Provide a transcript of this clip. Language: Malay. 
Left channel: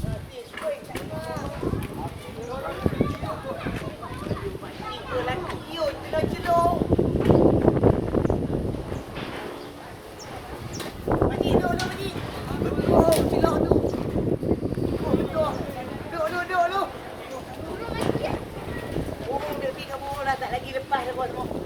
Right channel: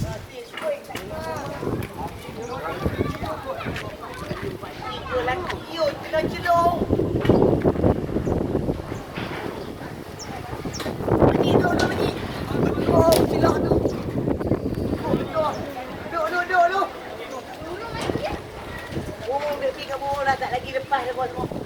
Tiga lagi yuk, celok-celok. Pakcik, duduk, pakcik. Oh, silap tu. Oh, duduk. Duduk. Oh, duduk kamu dah tak lagi lepas dah kau semua.